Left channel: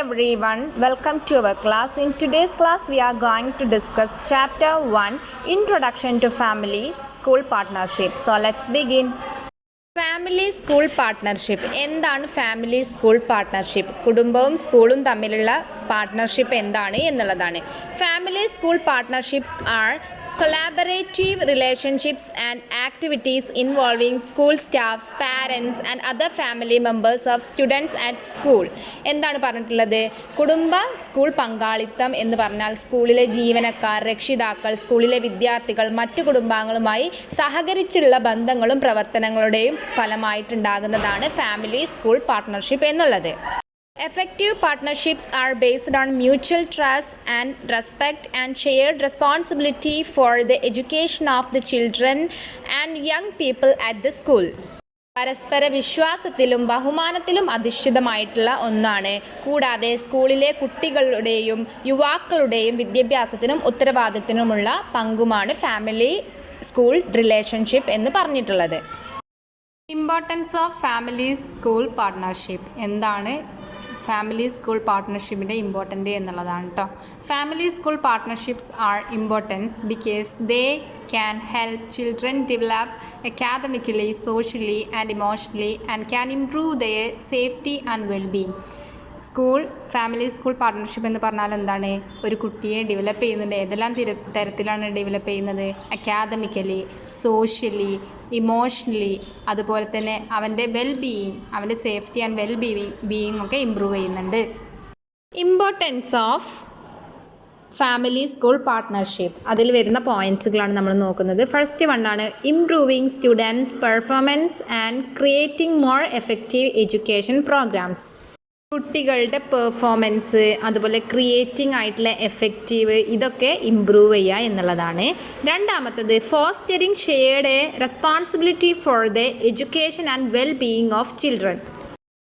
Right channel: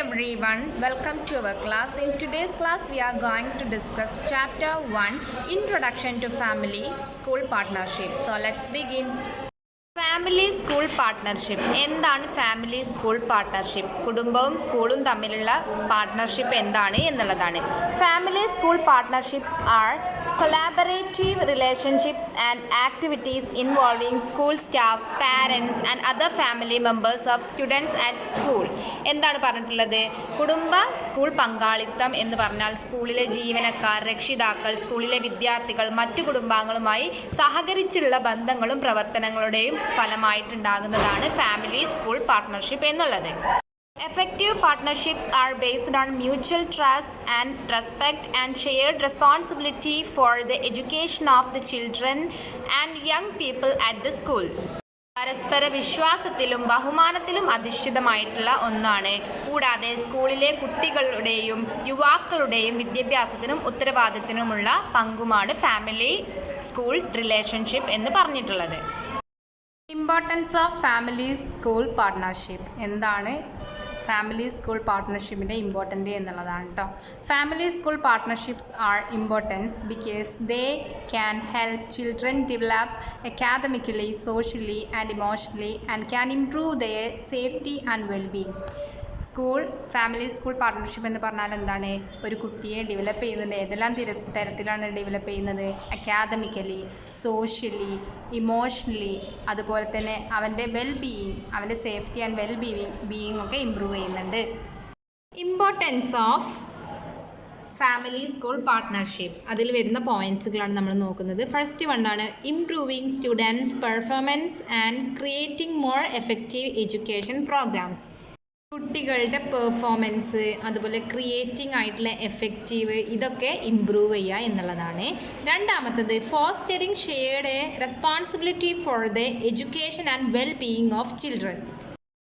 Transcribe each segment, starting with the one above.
everyone, welcome to our class. In today's class, we are going to discuss Chapter 1, Introduction to Family School Partnership. So let's begin. Family school partnership എന്താണ്? Family school partnership കുടുംബവും സ്കൂളും തമ്മിലുള്ള partnership എന്താണ് എന്നുള്ളതാണ്. Family school partnerships are collaborative relationships and activities involving school staffs, parents and other family members of students at school. എന്താണ് പറഞ്ഞിട്ടുള്ളത്? കുടുംബ school പങ്കാളിത്തം എന്ന് പറഞ്ഞാൽ സ്കൂളിലെ ജീവനക്കാർ, രക്ഷിതാക്കൾ, സ്കൂളിലെ വിദ്യാർത്ഥികൾ മറ്റു കുടുംബാംഗങ്ങളുമായി സഹകരിച്ചുള്ള ബന്ധങ്ങളും പ്രവർത്തനങ്ങളുടെയും ഫലമായിട്ടുണ്ടാകുന്നതാണ് ഫാമിലി സ്കൂൾ പാർട്ട്ണർഷിപ്പ് എന്നുള്ളത്. Effective partnerships are based on mutual trust and respect and shared responsibility for the education of the children and young people at the school. പരസ്പര വിശ്വാസത്തിലും ബഹുമാനത്തിലും അധിഷ്ഠിതമായിട്ടുള്ള ഒന്നാണ്. കൂടാതെ സ്കൂളിലെ കുട്ടികളുടെയും യുവാക്കളുടെയും വിദ്യാഭ്യാസത്തിനും ഉത്തരവാദിത്തത്തിനുമുള്ള പങ്കുമാണ് ഫാമിലി സ്കൂൾ റിലേഷൻഷിപ്പ് എന്ന് പറഞ്ഞിട്ടുള്ളത്. Importance of family school partnership എന്താണ്? ഫാമിലി സ്കൂൾ പാർട്ട്ണർഷിപ്പിൻ്റെ ഇമ്പോർട്ടൻ്റ് എന്നുള്ളതാണ് കേട്ടോ. Family school partnerships are importance because they can help children develop academically, socially and emotionally and can improve their safety and wellbeing. Family school partnership എന്ന് പറഞ്ഞാൽ എന്താണ്? ഒരു കുട്ടിയെ develop ചെയ്യുന്നുണ്ട്. ഏതെല്ലാം തരത്തിലാണ് ഡെവലപ്പ് ചെയ്യുന്നത്? അക്കാദമിക്കലി, സോഷ്യലി, ഇമോഷണലി, അതുപോലെ തന്നെ അവൻ്റെ വെൽബീയിങ്, അവൻ്റെ സേഫ്റ്റി ആൻഡ് വെൽബീയിങ് ഒക്കെ ഇമ്പ്രൂവ് ചെയ്യുന്നുണ്ട്. Importance of family school partnership, അതിൽ വരുന്ന പോയിൻറ്റ്സുകളാണ് നമ്മൾ നോക്കുന്നത്. ഫസ്റ്റ് വണ്ണാണ് improving students performance and creating more effective education programmes. കുട്ടികളുടെ പെർഫോമൻസ്, അതുപോലെ ക്രിയേറ്റിംഗ് ആയിട്ടുള്ള എഫക്റ്റീവ്, ഇതൊക്കെ ഇമ്പ്രൂവ് ചെയ്യുക എന്നുള്ളതാണ്. രണ്ടാമത്തത് fostering shared responsibility for the education and well being of children.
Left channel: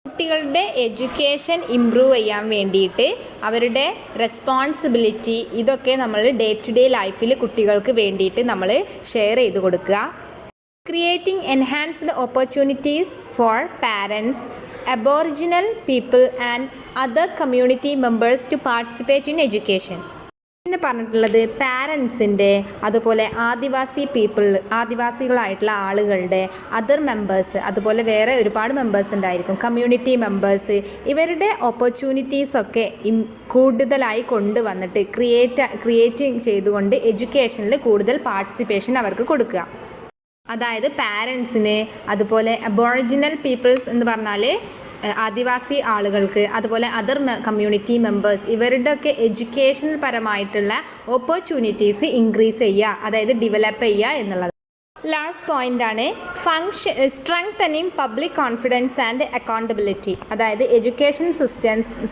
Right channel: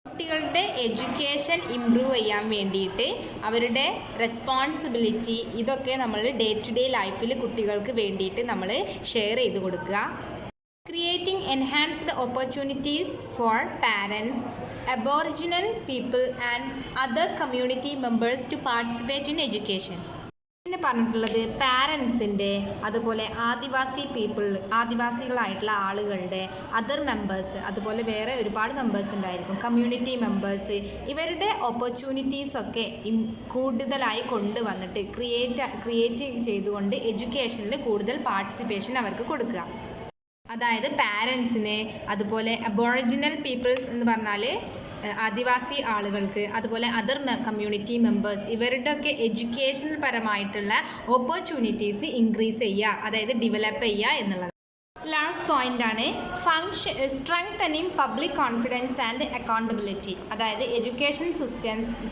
കുട്ടികളുടെ എഡ്യൂക്കേഷൻ ഇമ്പ്രൂവ് ചെയ്യാൻ വേണ്ടിയിട്ട് അവരുടെ റെസ്പോൺസിബിലിറ്റി, ഇതൊക്കെ നമ്മൾ ഡേ ടു ഡേ ലൈഫിൽ കുട്ടികൾക്ക് വേണ്ടിയിട്ട് നമ്മൾ ഷെയർ ചെയ്ത് കൊടുക്കുക. Creating enhanced opportunities for parents, Aboriginal people and other community members to participate in education. പിന്നെ പറഞ്ഞിട്ടുള്ളത് പാരൻസിൻ്റെ, അതുപോലെ ആദിവാസികളായിട്ടുള്ള ആളുകളുടെ, അതർ മെമ്പേഴ്സ്, അതുപോലെ വേറെ ഒരുപാട് മെമ്പേഴ്സ് ഉണ്ടായിരിക്കും, കമ്മ്യൂണിറ്റി മെമ്പേഴ്സ്, ഇവരുടെ ഓപ്പർച്യൂണിറ്റീസൊക്കെ കൂടുതലായി കൊണ്ടുവന്നിട്ട് ക്രിയേറ്റ് ചെയ്തുകൊണ്ട് എഡ്യൂക്കേഷനിൽ കൂടുതൽ പാർട്ടിസിപ്പേഷൻ അവർക്ക് കൊടുക്കുക. അതായത് പാരൻസിന്, അതുപോലെ അബോറിജിനൽ പീപ്പിൾസ് എന്ന് പറഞ്ഞാൽ ആദിവാസി ആളുകൾക്ക്, അതുപോലെ അതർ കമ്മ്യൂണിറ്റി മെമ്പേഴ്സ്, ഇവരുടെയൊക്കെ എഡ്യൂക്കേഷണൽ പരമായിട്ടുള്ള ഓപ്പർച്യൂണിറ്റീസ് ഇൻക്രീസ് ചെയ്യുക, അതായത് ഡെവലപ്പ് ചെയ്യുക എന്നുള്ളത്. ലാസ്റ്റ് പോയിൻ്റാണ് strengthening public confidence and accountability. അതായത് എഡ്യൂക്കേഷൻ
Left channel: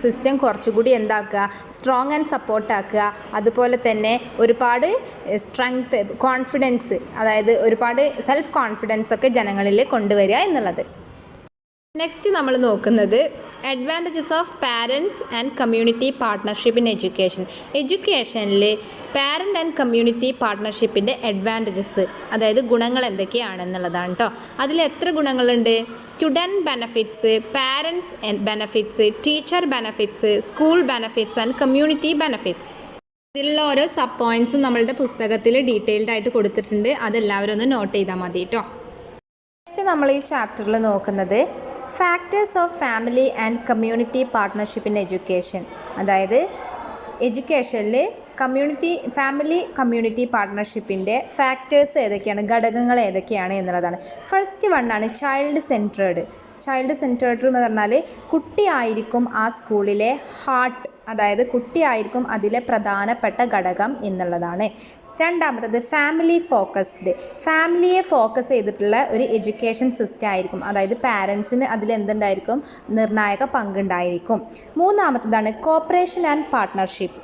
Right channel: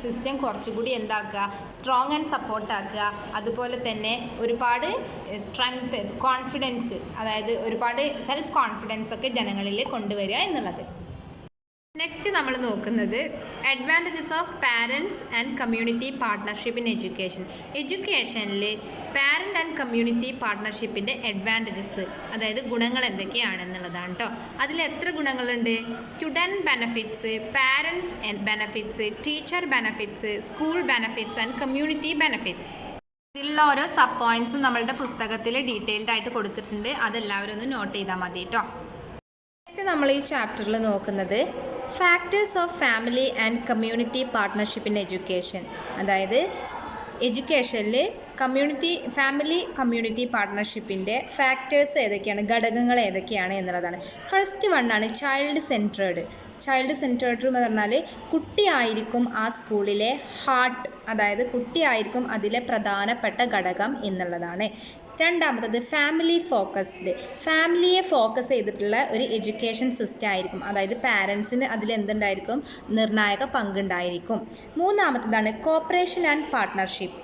സിസ്റ്റം കുറച്ചുകൂടി എന്താക്കുക, സ്ട്രോങ് ആൻഡ് സപ്പോർട്ടാക്കുക. അതുപോലെ തന്നെ ഒരുപാട് കോൺഫിഡൻസ്, അതായത് ഒരുപാട് സെൽഫ് കോൺഫിഡൻസ് ഒക്കെ ജനങ്ങളിൽ കൊണ്ടുവരിക എന്നുള്ളത്. നെക്സ്റ്റ് നമ്മൾ നോക്കുന്നത് advantages of parents and community partnership in education. എഡ്യൂക്കേഷനിൽ പാരൻ്റ് ആൻഡ് കമ്മ്യൂണിറ്റി പാർട്ട്ണർഷിപ്പിൻ്റെ അഡ്വാൻറ്റേജസ്, അതായത് ഗുണങ്ങൾ എന്തൊക്കെയാണെന്നുള്ളതാണ് കേട്ടോ. അതിൽ എത്ര ഗുണങ്ങളുണ്ട്? Student benefits, parents benefits, teacher benefits, school benefits and community benefits. ഇതിലുള്ള ഓരോ സബ് പോയിൻറ്റ്സും നമ്മളുടെ പുസ്തകത്തിൽ ഡീറ്റെയിൽഡ് ആയിട്ട് കൊടുത്തിട്ടുണ്ട്. അതെല്ലാവരും ഒന്ന് നോട്ട് ചെയ്താൽ മതി കേട്ടോ. നെക്സ്റ്റ് നമ്മൾ ഈ ചാപ്റ്ററിൽ നോക്കുന്നത് factors of family and community partnership in education. അതായത് എഡ്യൂക്കേഷനിൽ ഫാമിലി കമ്മ്യൂണിറ്റി പാർട്ട്ണർഷിപ്പിൻ്റെ ഫാക്ടേഴ്സ് ഏതൊക്കെയാണ്, ഘടകങ്ങൾ ഏതൊക്കെയാണ് എന്നുള്ളതാണ്. ഫസ്റ്റ് വണ്ണാണ് ചൈൽഡ് സെൻട്രേഡ്. ചൈൽഡ് സെൻട്രേഡ് എന്ന് പറഞ്ഞാൽ കുട്ടിയായിരിക്കും ആ സ്കൂളിലെ ഹാർട്ട്, അതായത് കുട്ടിയായിരിക്കും അതിലെ പ്രധാനപ്പെട്ട ഘടകം എന്നുള്ളതാണ്. രണ്ടാമത്തത് ഫാമിലി ഫോക്കസ്ഡ്. ഫാമിലിയെ ഫോക്കസ് ചെയ്തിട്ടുള്ള ഒരു എഡ്യൂക്കേഷൻ സിസ്റ്റം ആയിരിക്കും, അതായത് പാരൻസിന് അതിലെന്തുണ്ടായിരിക്കും, നിർണായക പങ്കുണ്ടായിരിക്കും. മൂന്നാമത്തതാണ് കോപ്പറേഷൻ ആൻഡ് പാർട്ട്ണർഷിപ്പ്.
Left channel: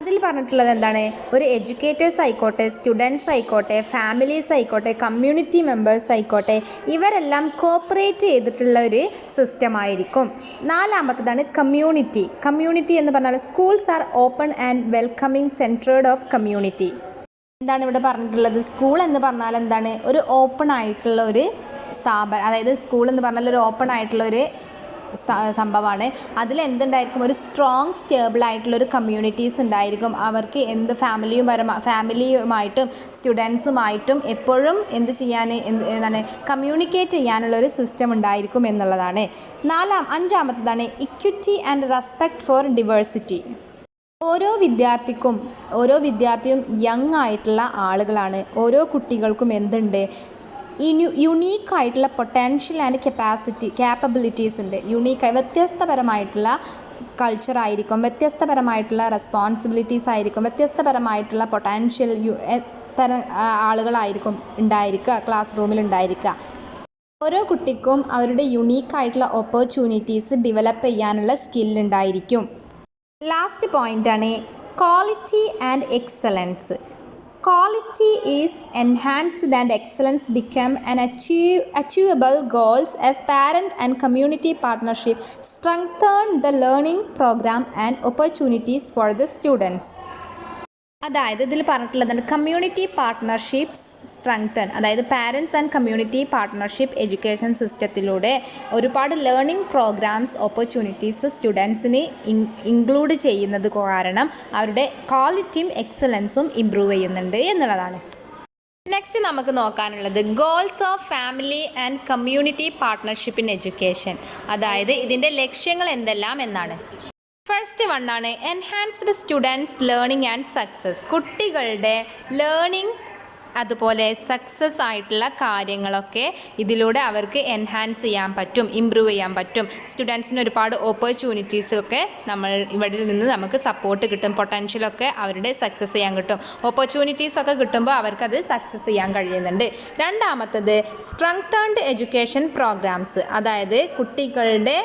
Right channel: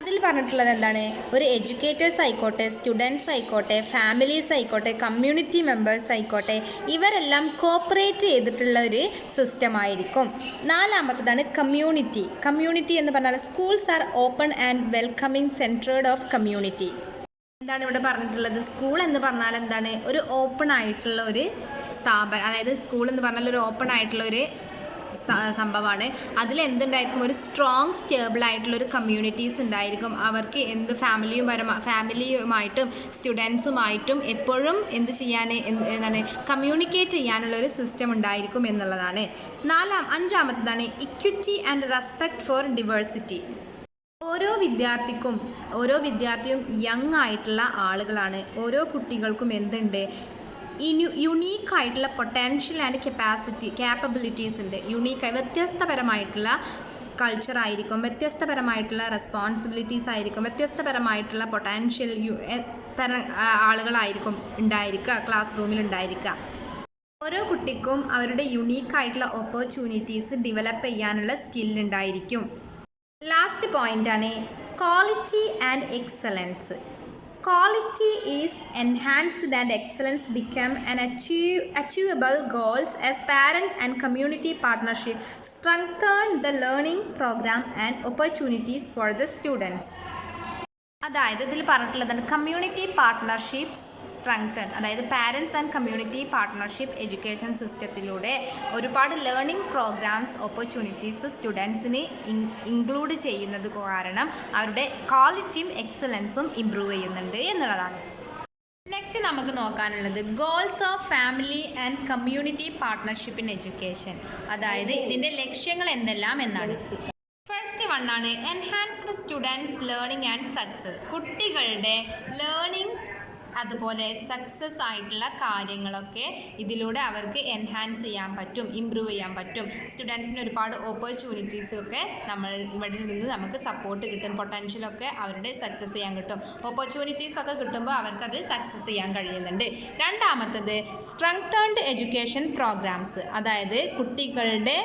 അതിൽ പറഞ്ഞിട്ടുള്ളത് എന്താണ്? ഒരു എഡ്യൂക്കേറ്റേഴ്സ് ആയിക്കോട്ടെ, സ്റ്റുഡൻസ് ആയിക്കോട്ടെ, ഫാമിലീസ് ആയിക്കോട്ടെ, കമ്മ്യൂണിറ്റി മെമ്പേഴ്സ് ആയിക്കോട്ടെ, ഇവരെല്ലാം കോപ്പറേറ്റ് ചെയ്തിട്ടുള്ള ഒരു സിസ്റ്റം ആയിരിക്കും. നാലാമത്തതാണ് കമ്മ്യൂണിറ്റി. കമ്മ്യൂണിറ്റി എന്ന് പറഞ്ഞാൽ schools are open and welcoming centred of community. എന്താണ് ഇവിടെ പറഞ്ഞിട്ടുള്ളത്? സ്കൂൾ എന്ന് പറഞ്ഞാൽ എന്താണ്? ഒരു ഓപ്പൺ ആയിട്ടുള്ള ഒരു സ്ഥാപനം, അതായത് സ്കൂൾ എന്ന് പറഞ്ഞാൽ ഒരു ഓപ്പൺ ആയിട്ടുള്ള ഒരു സംഭവമാണ്. അതിലെന്തുണ്ടായിരിക്കും, ഒരു സ്ട്രോങ് സ്റ്റേബിൾ ആയിട്ടുള്ളൊരു കമ്മ്യൂണിറ്റീസ് ഉണ്ടായിരിക്കും. അവർക്ക് എന്ത് ഫാമിലിയുമായിട്ടും സ്റ്റുഡൻസുമായിട്ടും എപ്പോഴും എന്ത് ചെയ്യാൻ എന്താണ് കമ്മ്യൂണിക്കേറ്റ് ചെയ്യാനുള്ളൊരു സിസ്റ്റം ഉണ്ടായിരിക്കും എന്നുള്ളതാണ്. അഞ്ചാമത്തതാണ് equity and respect for diversity. ഓരോ വിദ്യാർത്ഥിയും യങ് ആയിട്ടുള്ള ആളുകളാണ്. ഓരോ കുട്ടികൾക്കും എന്തുണ്ട്, യുണീക്കായിട്ടുള്ള പൊട്ടൻഷ്യൽ ആൻഡ് ക്യാപ്പബിലിറ്റീസ് ഉണ്ട്. യുണീക്കായി വ്യത്യസ്തപരമായിട്ടുള്ള കൾച്ചറായിരിക്കും, വ്യത്യസ്തപരമായിട്ടുള്ള റെസ്പോൺസിബിലിറ്റീസ് ആയിരിക്കും, വ്യത്യസ്തപരമായിട്ടുള്ള പൊട്ടൻഷ്യൽ ആളുകളായിരിക്കും ഉണ്ടായിരിക്കുക, ക്ലാസ് റൂമിൽ ഉണ്ടായിരിക്കുക. ഓരോ കുട്ടിക്കും അവരുടെ യുണീക്കായിട്ടുള്ള ഓപ്പർച്യൂണിറ്റീസ് ഡെവലപ്പ് ചെയ്യാനുള്ള സ്കില്ലുണ്ടായിരിക്കും. ലാസ്റ്റ് പോയിൻ്റാണ് quality and excellence. Quality is enhanced and excellence become an achievable goals as parent and community partnership strengthen the learning program and opportunities for the students. അതായത് ഇതിൽ പറഞ്ഞിട്ടുള്ളതാണ് കമ്മ്യൂണിറ്റി പാർട്ട്ണർഷിപ്സ് സ്ട്രെങ്തൻ. അതായത് parents and community partnership education സിസ്റ്റത്തിലൂടെ ഒരുപാട് learning programmes opportunities സ്റ്റുഡൻസിന് include ചെയ്യുന്നത് കാരണം അവരുടെ ക്വാളിറ്റിയും എക്സലൻസും ഇമ്പ്രൂവ് ചെയ്യുന്നുണ്ട് എന്നുള്ളതാണ്. നെക്സ്റ്റ് നമുക്ക് നോക്കാനുള്ളത് goals of family and community partnership in education. അതായത് ഇതിൻ്റെ ലക്ഷ്യങ്ങൾ എന്തെല്ലാം എന്നാണ്. ഫസ്റ്റ് വണ്ണാണ് enhanced students learning and success. കുട്ടികളുടെ ലേണിംഗ് അതുപോലെ സക്സസ് ആയിട്ടുള്ള കാര്യങ്ങളൊക്കെ ഇതിലൂടെ അവർക്ക് എൻഹാൻസ് ചെയ്യാൻ പറ്റും, ഇമ്പ്രൂവ് ചെയ്യാൻ പറ്റും. സ്റ്റുഡൻസിന് ഒരുപാട് ഓപ്പർച്യൂണിറ്റീസൊക്കെ നമ്മൾ ഇവിടെ നിന്ന് നമുക്ക് സപ്പോർട്ട് കിട്ടും, പൊട്ടൻഷ്യലൊക്കെ അവരുടെ സക്സസ് ചെയ്യാൻ കിട്ടും. ഓപ്പർച്യൂണിറ്റീസൊക്കെ കിട്ടുമ്പോൾ അവർക്കത് സക്സസ് ചെയ്യാൻ കഴിയുന്നുണ്ട്. രണ്ടാമത്തത് സ്ട്രെങ്തേൺഡ് എഡ്യൂക്കേഷൻ പ്രോഗ്രാംസ്. അതായത് കുട്ടികളുടെ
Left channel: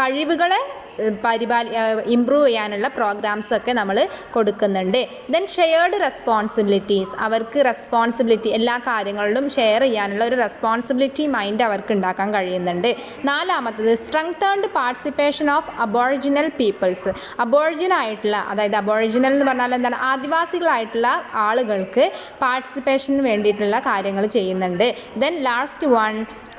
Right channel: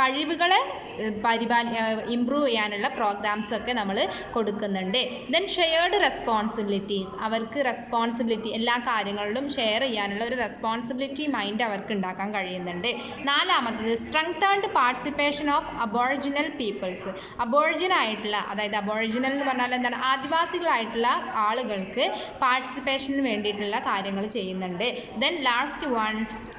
കഴിവുകളെ ഇമ്പ്രൂവ് ചെയ്യാനുള്ള പ്രോഗ്രാംസൊക്കെ നമ്മൾ കൊടുക്കുന്നുണ്ട്. Then shared responsibilities. അവർക്ക് റെസ്പോൺസിബിലിറ്റി എല്ലാ കാര്യങ്ങളിലും ഷെയർ ചെയ്യാനുള്ള ഒരു റെസ്പോൺസിബിലിറ്റി മൈൻഡ് അവർക്ക് ഉണ്ടാക്കാൻ കഴിയുന്നുണ്ട്. നാലാമത്തത് സ്ട്രെങ്തേൺഡ് പാർട്ടിസിപ്പേഷൻ ഓഫ് അബോറിജിനൽ പീപ്പിൾസ്. അബോറിജിനായിട്ടുള്ള, അതായത് അബോറിജിനൽ എന്ന് പറഞ്ഞാൽ എന്താണ്, ആദിവാസികളായിട്ടുള്ള ആളുകൾക്ക് പാർട്ടിസിപ്പേഷന് വേണ്ടിയിട്ടുള്ള കാര്യങ്ങൾ ചെയ്യുന്നുണ്ട്. Then last one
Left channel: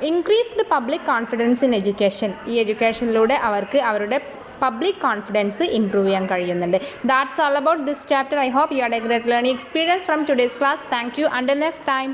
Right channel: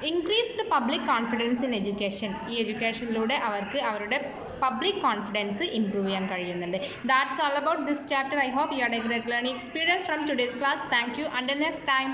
increase the public confidence in education. ഈ എഡ്യൂക്കേഷനിലൂടെ അവർക്ക് അവരുടെ പബ്ലിക് കോൺഫിഡൻസ് ഇമ്പ്രൂവ് ചെയ്യാൻ കഴിയുന്നുണ്ട്. That's all about this chapter. I hope you had a great learning experience from today's class. Thank you. Until next time.